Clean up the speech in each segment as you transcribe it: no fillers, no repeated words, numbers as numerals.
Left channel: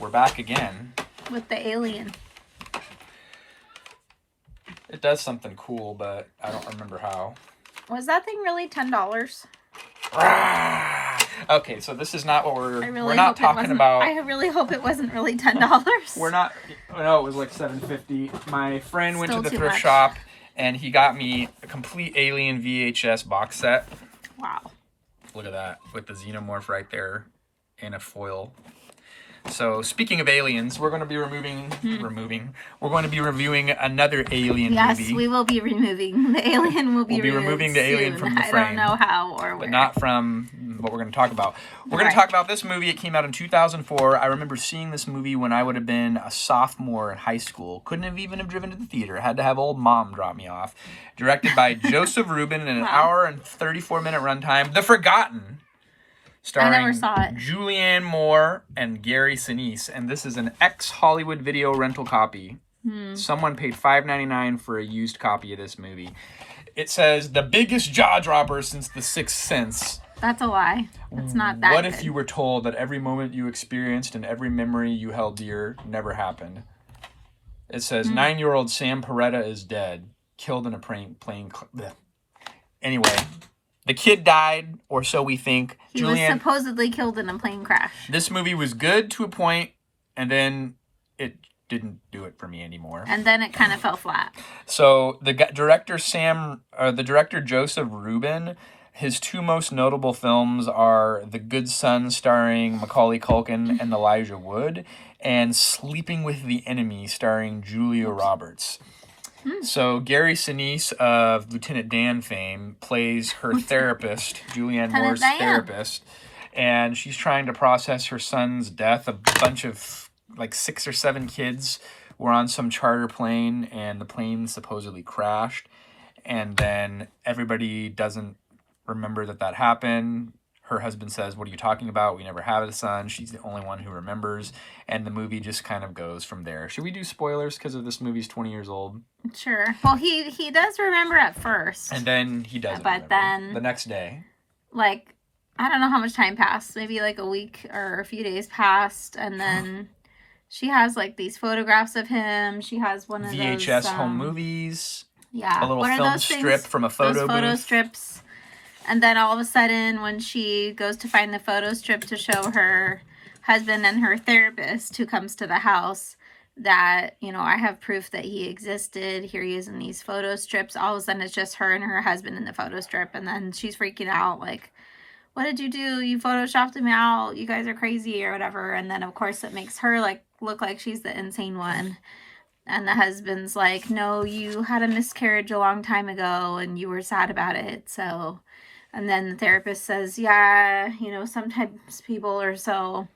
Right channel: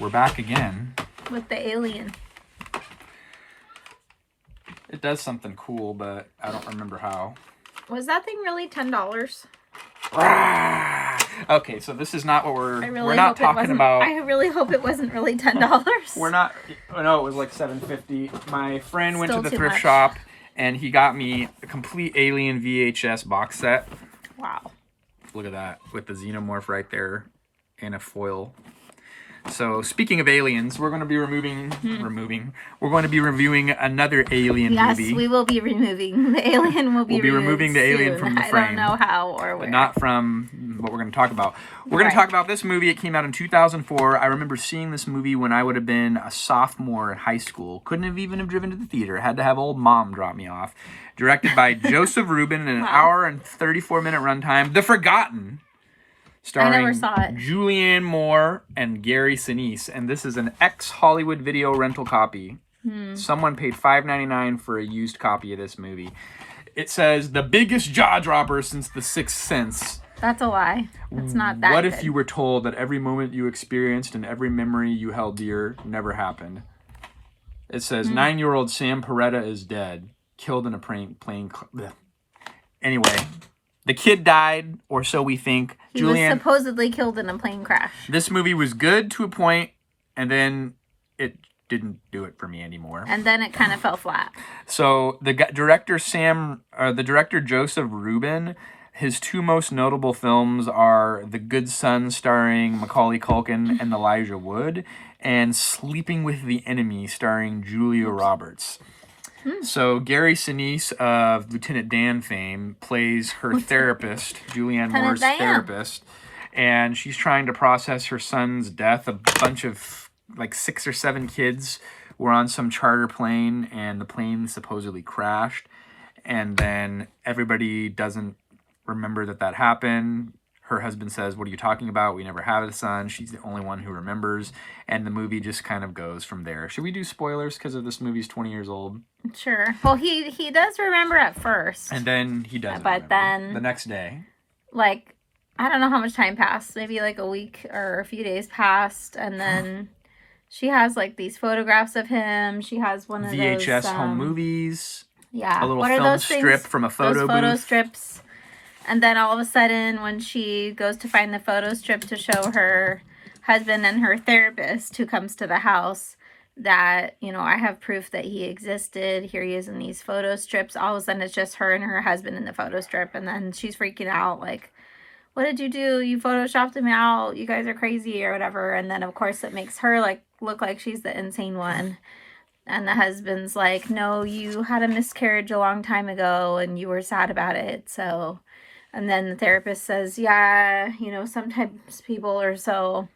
we're back again. With the alien. It does something cool, but I don't remember how. Was that thing really $10? Okay, so this is not what we're not hope talking about. I really hope it wasn't really $10. We're not. No, it was like $7.50. My friend went to Still the too thrift much. shop and he got me a complete Alien VHS box set. Wow. Look at that with the xenomorph right there and a foil. So speaking of aliens, we're going to be We're going to be reviewing another alien movie. Yes, we will be removing the alien. We'll be removing the alien from the frame. I don't know how or where. But not from what we're going to talk about. We're going to talk about this movie. It came out in 2004. I remember seeing this movie when I would have been a sophomore in high school. Couldn't have even driven to the theater. Had to have old mom drop me off. Directed by Joseph Ruben in an hour and 34-minute runtime. The Forgotten. Starring I never saw it. Julianne Moore and Gary Sinise. And this is an ex-Hollywood video rental copy. Someone paid $5.99 for a used copy of this movie. It says, the biggest jaw dropper since The Sixth Sense. That's a lie. It's not that What good. if you were told that every moment you experienced and every memory you held dear never happened? It says, 9-year-old Sam Peretta is dead. Killed in a plane. Anyway, the kid died, or so we think. He was supposedly killed in a plane crash. This movie was good to a point, and then it didn't do it for me anymore. And then it kind of fell flat. So the director Joseph Ruben, his two most notable films are The Good Son, starring Macaulay Culkin and Elijah Wood, and Sleeping with the Enemy, starring Julia Roberts. So Gary Sinise of Lieutenant Dan fame plays her therapist, Julianne Moore's therapist, and she's trying to process her son's death. A bunch of like 6 or 7 kids were on some charter plane, and the plane supposedly crashed, and then everybody doesn't remember that happened. Her husband says, "What are you talking about? We never had a son." She's the only one who remembers. And the movie just kind of goes from there. Should we do spoilers because of this movie's 20 years old? Sure. Well, he does remember at first. And then he doesn't But then the next day. Like, I don't know how much time passed. Maybe like a week or a few days passed. And then she has like these photographs of him. She has one of those VHS home movies. Yeah. A little what are film those strip things? from a photo those booth. photo strips. And then all of a sudden, when she goes to find the photo strip to show her husband and her therapist who comes to the house that, I have proof that he existed. Here he is in these photo strips. All of a sudden, it's just her and her husband in the photo strip. And then she's freaking out like, what did you do? You photoshopped him out. You guys are crazy or whatever. And then, of course, it makes her like look like she's the insane one. And the husband's like, no, you had a miscarriage a long time ago and you were sad about it. So... And then the therapist says, yeah, sometimes people are so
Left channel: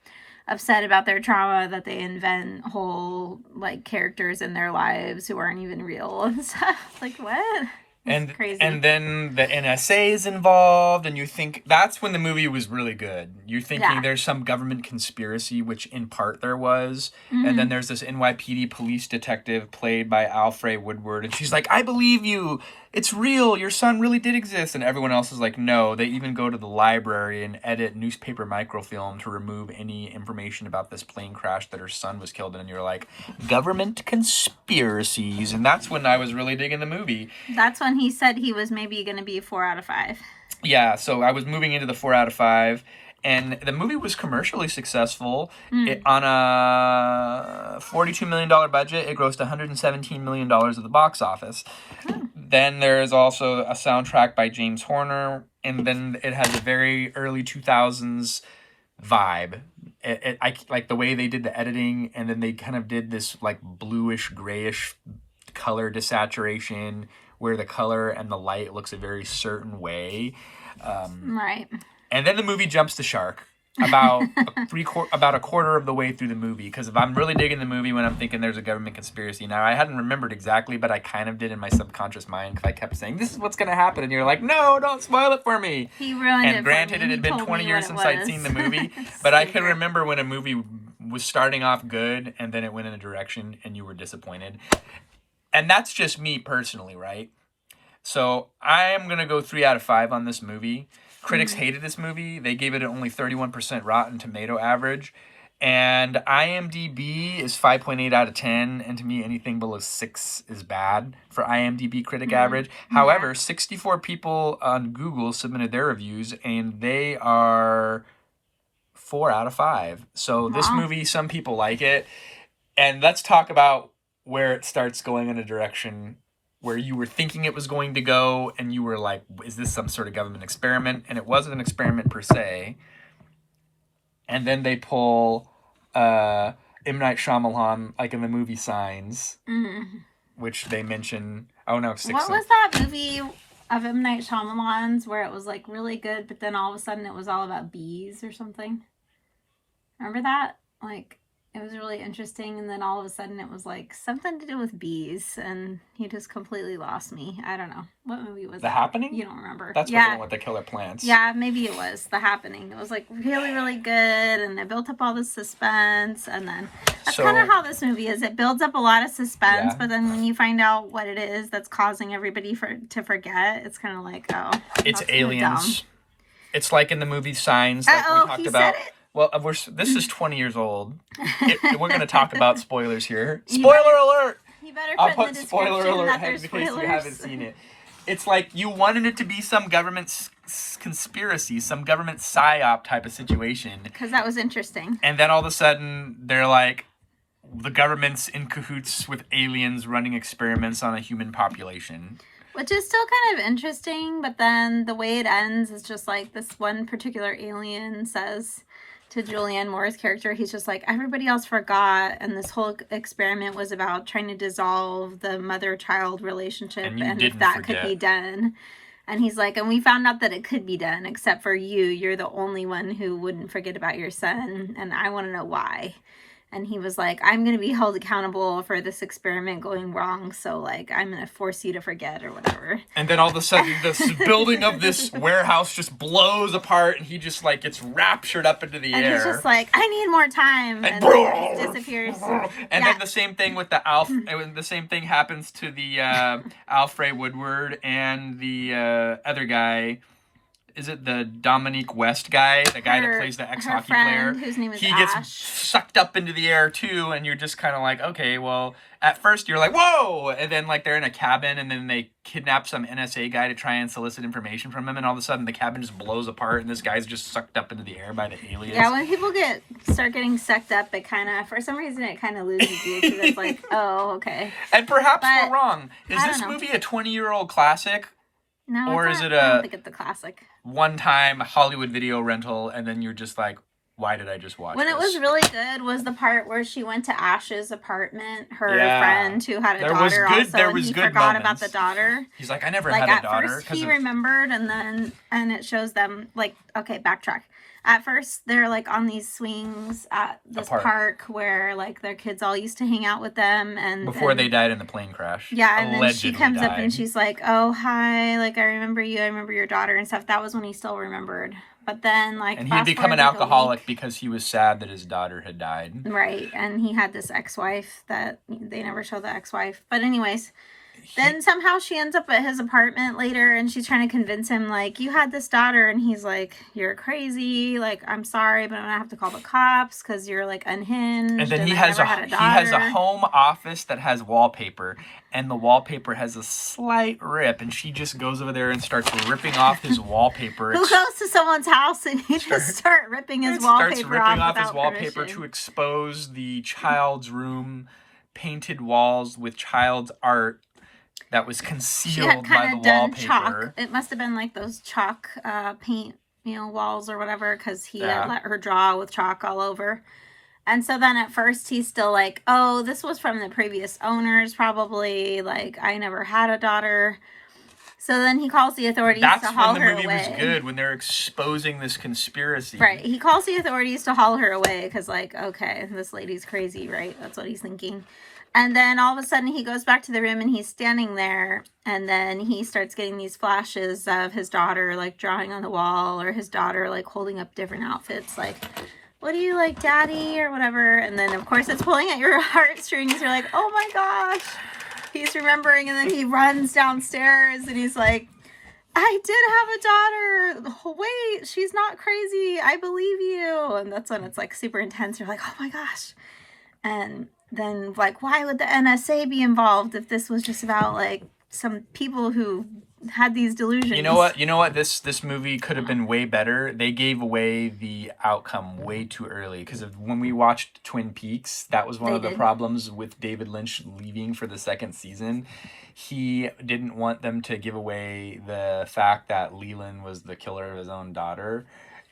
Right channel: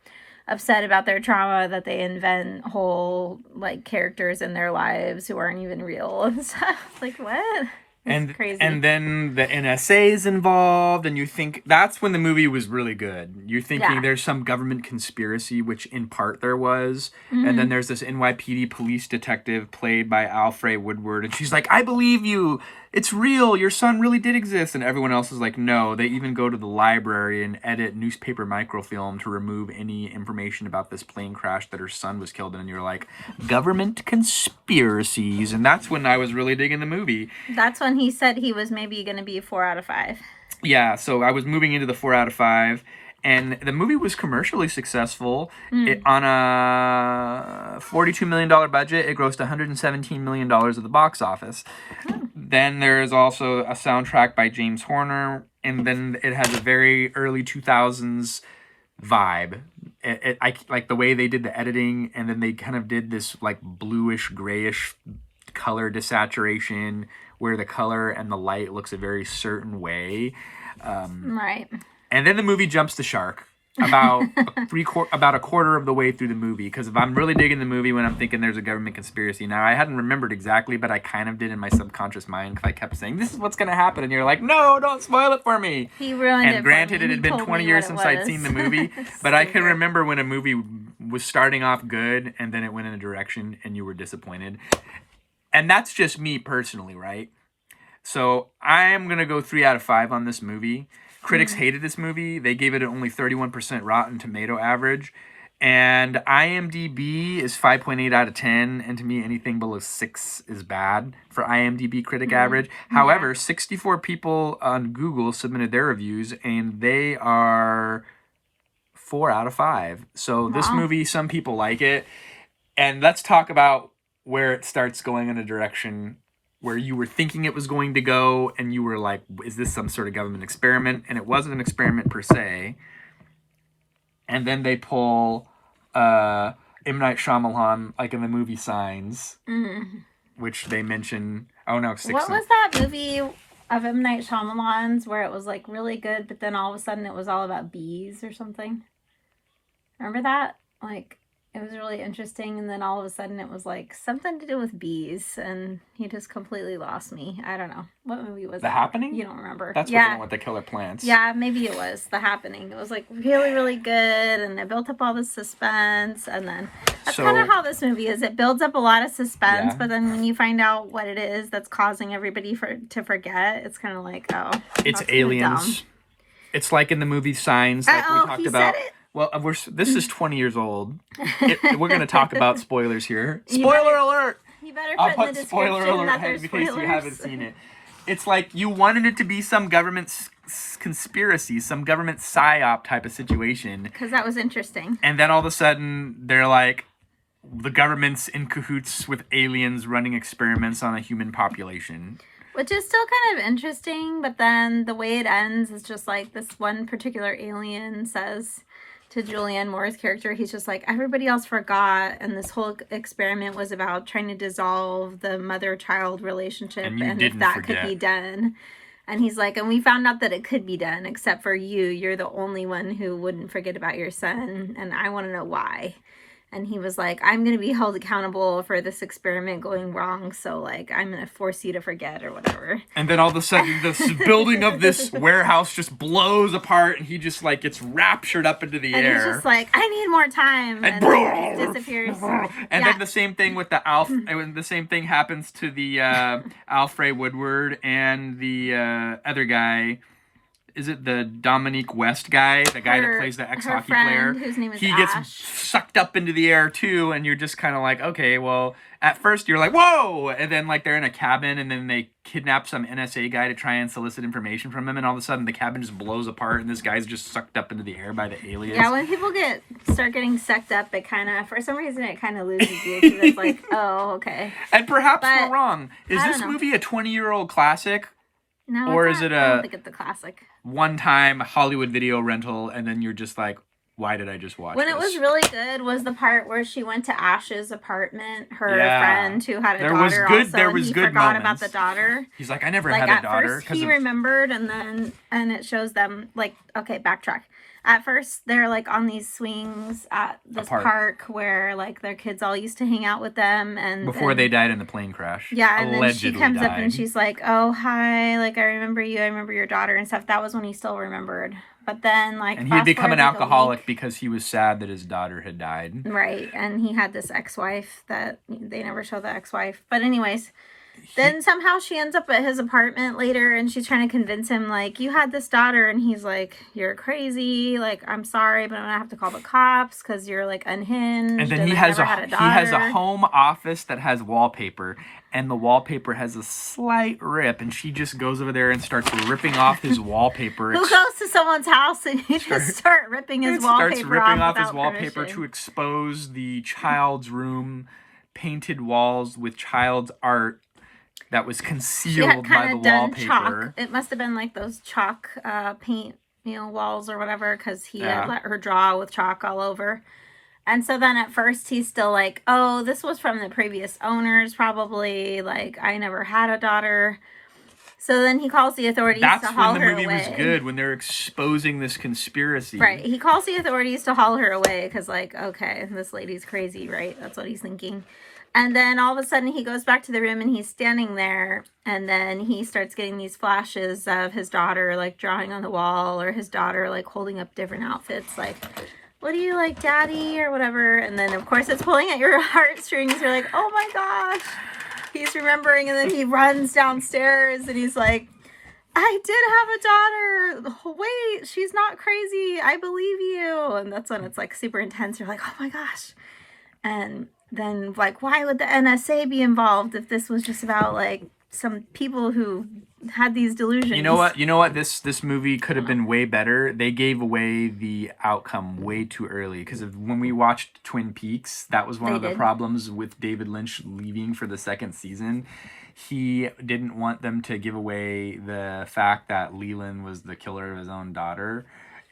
upset about their trauma that they invent whole, like, characters in their lives who aren't even real and stuff. Like, what? It's crazy. And then the NSA is involved, and you think that's when the movie was really good. You're thinking there's some government conspiracy, which in part there was. And then there's this NYPD police detective played by Alfred Woodward, and she's like, I believe you. It's real. Your son really did exist. And everyone else is like, no. They even go to the library and edit newspaper microfilm to remove any information about this plane crash that her son was killed in. And you're like, government conspiracies. And that's when I was really digging the movie. That's when he said he was maybe going to be 4 out of 5. Yeah, so I was moving into the 4 out of 5. And the movie was commercially successful. On a $42 million budget, it grossed $117 million at the box office. Then there's also a soundtrack by James Horner, and then it has a very early 2000s vibe. I like the way they did the editing, and then they kind of did this like bluish, grayish color desaturation, where the color and the light looks a very certain way. Right. And then the movie jumps the shark about a quarter of the way through the movie, because if I'm really digging the movie when I'm thinking there's a government conspiracy. Now, I hadn't remembered exactly, but I kind of did in my subconscious mind, because I kept saying, this is what's going to happen. And you're like, no, don't spoil it for me. He ruined it. And granted, it had been 20 years since I'd seen the movie, but I can remember when a movie was starting off good, and then it went in a direction, and you were disappointed. And that's just me personally, right? So I am going to go 3 out of 5 on this movie. Critics hated this movie. They gave it an only 31% Rotten Tomato average. And IMDb is 5.8 out of 10. And to me, anything below 6 is bad for IMDb critic average. However, 64 people on Google submitted their reviews, and they are 4 out of 5. So this movie, some people like it. And let's talk about where it starts going in a direction where you were thinking it was going to go, and you were like, is this some sort of government experiment? And it wasn't an experiment per se. And then they pull M. Night Shyamalan, like in the movie Signs, which they mention. Oh no, what was that movie of M. Night Shyamalan's where it was like really good, but then all of a sudden it was all about bees or something? Remember that? Like, it was really interesting, and then all of a sudden it was like something to do with bees, and he just completely lost me. I don't know. What movie was that? The Happening? You don't remember. That's what the one with the killer plants. Yeah, maybe it was The Happening. It was like really, really good, and it built up all the suspense, and then that's kind of how this movie is. It builds up a lot of suspense, but then when you find out what it is that's causing everybody to forget, it's kind of like, oh, it's aliens. It's like in the movie Signs, like we talked about. Well, this is 20 years old. We're going to talk about spoilers here. Spoiler alert! You better I'll put put spoiler alert in case you haven't seen it. It's like you wanted it to be some government conspiracy, some government psyop type of situation. Because that was interesting. And then all of a sudden, they're like, the government's in cahoots with aliens running experiments on a human population. Which is still kind of interesting, but then the way it ends is just like this one particular alien says to Julianne Moore's character, he's just like, everybody else forgot, and this whole experiment was about trying to dissolve the mother-child relationship, and if that could be done. And he's like, and we found out that it could be done, except for you. You're the only one who wouldn't forget about your son, and I want to know why. And he was like, I'm going to be held accountable for this experiment going wrong, so, like, I'm going to force you to forget or whatever. And then all of a sudden, this building of this warehouse just blows apart, and he just, like, gets raptured up into the air. And he's just like, I need more time. And then he disappears. And then the same thing with the same thing happens to the Alfred Woodward and the other guy. Is it the Dominique West guy? The guy that plays the ex-hockey player? Whose name is he Ash. Gets sucked up into the air too, and you're just kind of like, okay, well, at first you're like, whoa! And then like they're in a cabin, and then they kidnap some NSA guy to try and solicit information from him, and all of a sudden the cabin just blows apart, and this guy's just sucked up into the air by the aliens. Yeah, when people start getting sucked up, it kind of, for some reason, it kind of loses you, because it's like, oh, okay. And perhaps we're wrong. Is this movie a 20-year-old classic? No, or it's is not. it I don't think it's a classic. One-time Hollywood video rental, and then you're just like, why did I just watch When this? it was really good was the part where she went to Ash's apartment, her friend who had a daughter also, and he forgot about the daughter. He's like, I never had a daughter. At first he remembered, and it shows them, like, okay, backtrack. At first, they're, like, on these swings at this park where, like, their kids all used to hang out with them. Before they died in the plane crash. Yeah, and then she comes up and she's like, oh, hi, like, I remember you, I remember your daughter and stuff. That was when he still remembered. But then, like, and he'd become an alcoholic because he was sad that his daughter had died. Right, and he had this ex-wife that they never show the ex-wife. But anyways, then somehow she ends up at his apartment later, and she's trying to convince him, like, you had this daughter, and he's like, you're crazy, like, I'm sorry, but I'm gonna have to call the cops because you're, like, unhinged, and then he has a home office that has wallpaper, and the wallpaper has a slight rip, and she just goes over there and starts ripping off his wallpaper. Who goes to someone's house and you just start ripping his wallpaper to expose the child's room, painted walls with child's art that was concealed by the wallpaper. Chalk. It must have been like those chalk paint, walls or whatever, because he had let her draw with chalk all over. And so then at first he's still like, oh, this was from the previous owners probably. Like, I never had a daughter. So then he calls the authorities to haul her away. That's when the movie was good, when they're exposing this conspiracy. Right. He calls the authorities to haul her away because, like, okay, this lady's crazy, right? That's what he's thinking. And then all of a sudden he goes back to the room and he's standing there, and then he starts getting these flashes of his daughter, like, drawing on the wall, or his daughter, like, holding up different outfits, like, what do you like, daddy, or whatever. And then, of course, it's pulling at your heartstrings. You're like, oh my gosh, he's remembering. And then he runs downstairs and he's like, I did have a daughter. Wait, she's not crazy. I believe you. And that's when it's like super intense. You're like, oh my gosh. And then like, why would the NSA be involved if this was just about like some people who had these delusions? You know what? This movie could have been way better. They gave away the outcome way too early because when we watched Twin Peaks, that was one of the problems with David Lynch leaving for the second season. He didn't want them to give away the fact that Leland was the killer of his own daughter.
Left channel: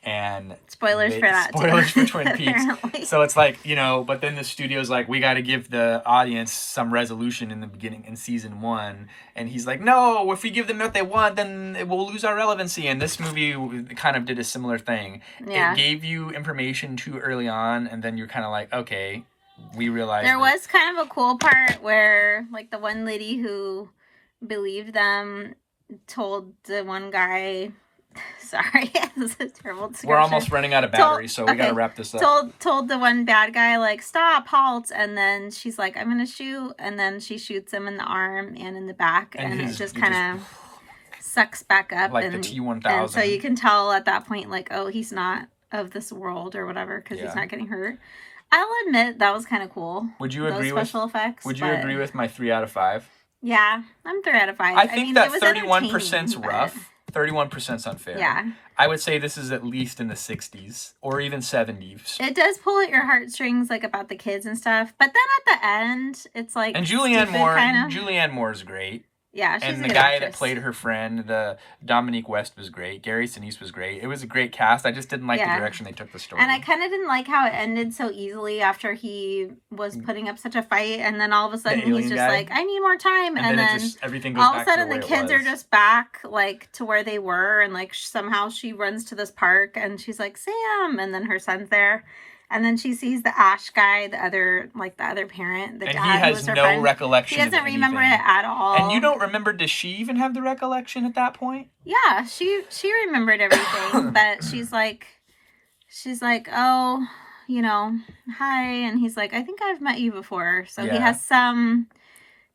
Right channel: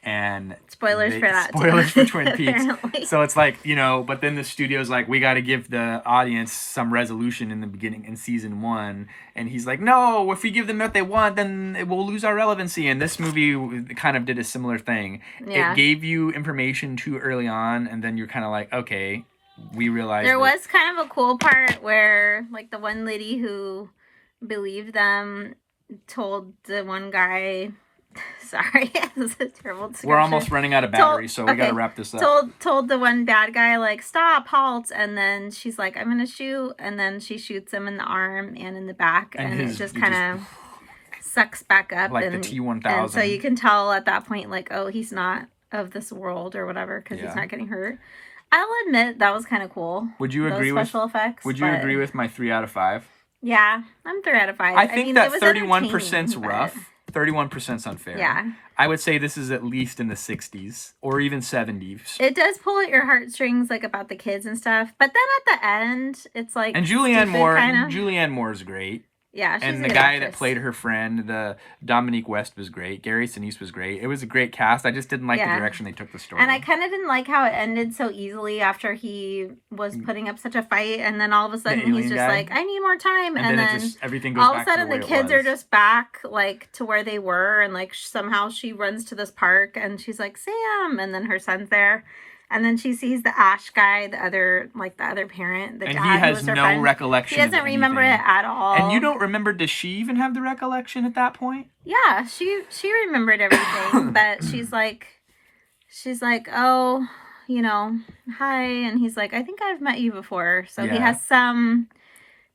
And spoilers for that spoilers too. for Twin Peaks. So it's like, but then the studio's like, we got to give the audience some resolution in the beginning in season 1, and he's like, no, if we give them what they want, then it will lose our relevancy. And this movie kind of did a similar thing. It gave you information too early on, and then you're kind of like, okay, we realized there was kind of a cool part where like the one lady who believed them told the one guy, sorry, this is a terrible description. We're almost running out of battery, so we gotta wrap this up. Told the one bad guy, like, stop, halt, and then she's like, I'm gonna shoot, and then she shoots him in the arm and in the back, and it just kind of sucks back up. Like the T-1000. And so you can tell at that point, like, oh, he's not of this world or whatever, because he's not getting hurt. I'll admit that was kind of cool. Would you agree with special effects? Would you agree with my 3 out of 5? Yeah, I'm 3 out of 5. I think that 31%'s rough. 31%'s unfair. Yeah. I would say this is at least in the 60s or even 70s. It does pull at your heartstrings, like about the kids and stuff. But then at the end, it's like and Julianne Moore's great. Yeah, she's and the guy that played her friend, the Dominique West, was great. Gary Sinise was great. It was a great cast. I just didn't like the direction they took the story. And I kind of didn't like how it ended so easily after he was putting up such a fight, and then all of a sudden he's just like, I need more time, and then everything goes all of back a sudden to the kids are just back like to where they were, and like somehow she runs to this park and she's like, Sam, and then her son's there. And then she sees the Ash guy, the other parent, the and dad he has no recollection. He doesn't remember it at all. And you don't remember? Does she even have the recollection at that point? Yeah, she remembered everything, but she's like, oh, hi, and he's like, I think I've met you before. So he has some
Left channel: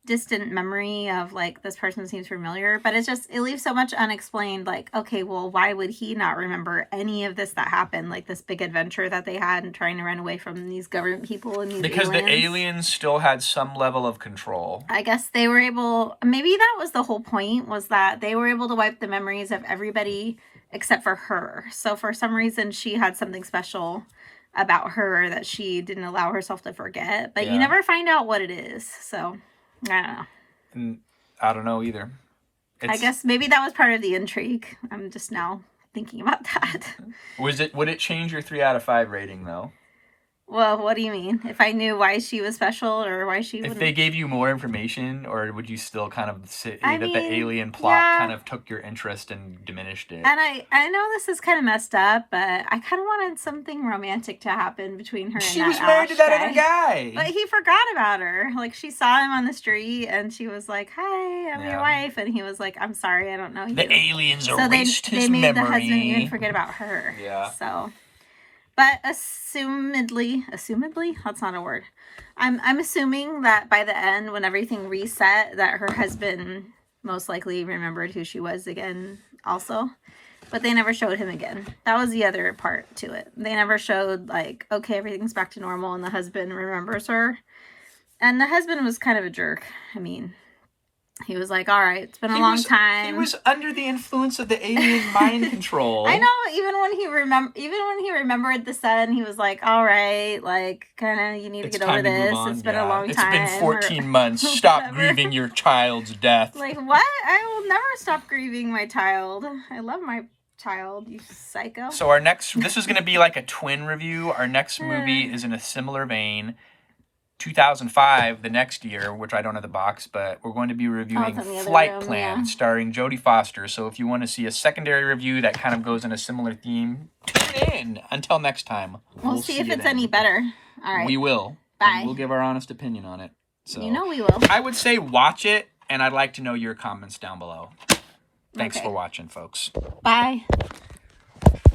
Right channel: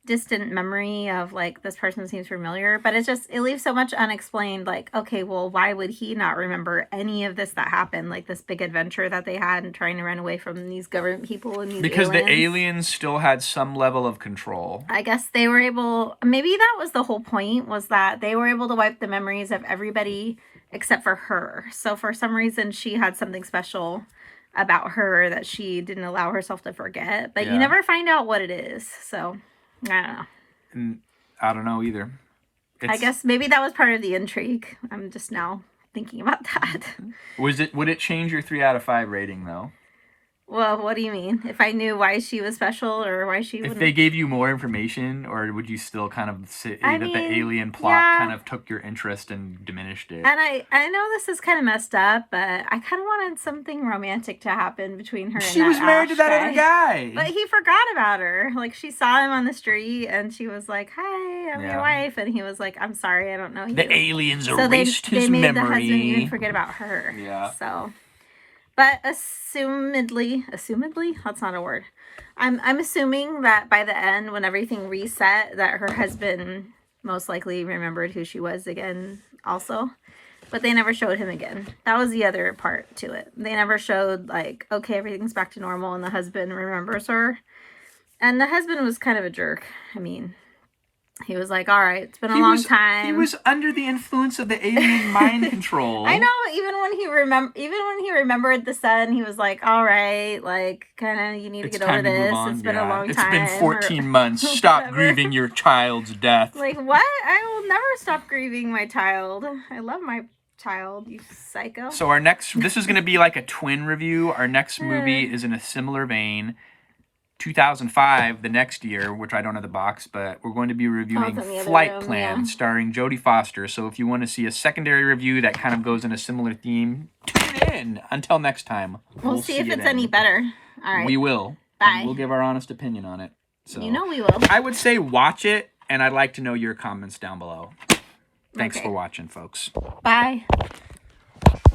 distant memory of like this person seems familiar, but it leaves so much unexplained. Like, okay, well, why would he not remember any of this that happened, like this big adventure that they had and trying to run away from these government people and these because the aliens still had some level of control. I guess they were able, maybe that was the whole point, was that they were able to wipe the memories of everybody except for her. So for some reason she had something special about her that she didn't allow herself to forget, but you never find out what it is. So I don't know. I don't know either. I guess maybe that was part of the intrigue. I'm just now thinking about that. Would it change your 3 out of 5 rating though? Well, what do you mean? If I knew why she was special or why she wouldn't? If they gave you more information, or would you still kind of say that the alien plot kind of took your interest and diminished it? And I know this is kind of messed up, but I kind of wanted something romantic to happen between her and she was married to that other guy. But he forgot about her. Like, she saw him on the street, and she was like, hi, I'm your wife. And he was like, I'm sorry, I don't know you. The aliens erased his memory. They made the husband even forget about her. Yeah. So... But assumedly, that's not a word. I'm assuming that by the end, when everything reset, that her husband most likely remembered who she was again also. But they never showed him again. That was the other part to it. They never showed, like, okay, everything's back to normal and the husband remembers her. And the husband was kind of a jerk. I mean... He was like, all right, it's been a long time. He was under the influence of the alien mind control. I know, even when he remembered the son, he was like, all right, like, kind of, you need to get over this. It's been a long time. It's been 14 months. Stop grieving your child's death. Like, what? I will never stop grieving my child. I love my child, you psycho. So this is going to be like a twin review. Our next movie is in a similar vein. 2005, the next year, which I don't have the box, but we're going to be reviewing Flight Plan, starring Jodie Foster. So if you want to see a secondary review that kind of goes in a similar theme, tune in. Until next time. We'll see if it's any better. All right. We will. Bye. We'll give our honest opinion on it. So you know we will. I would say watch it, and I'd like to know your comments down below. Thanks for watching, folks. Bye.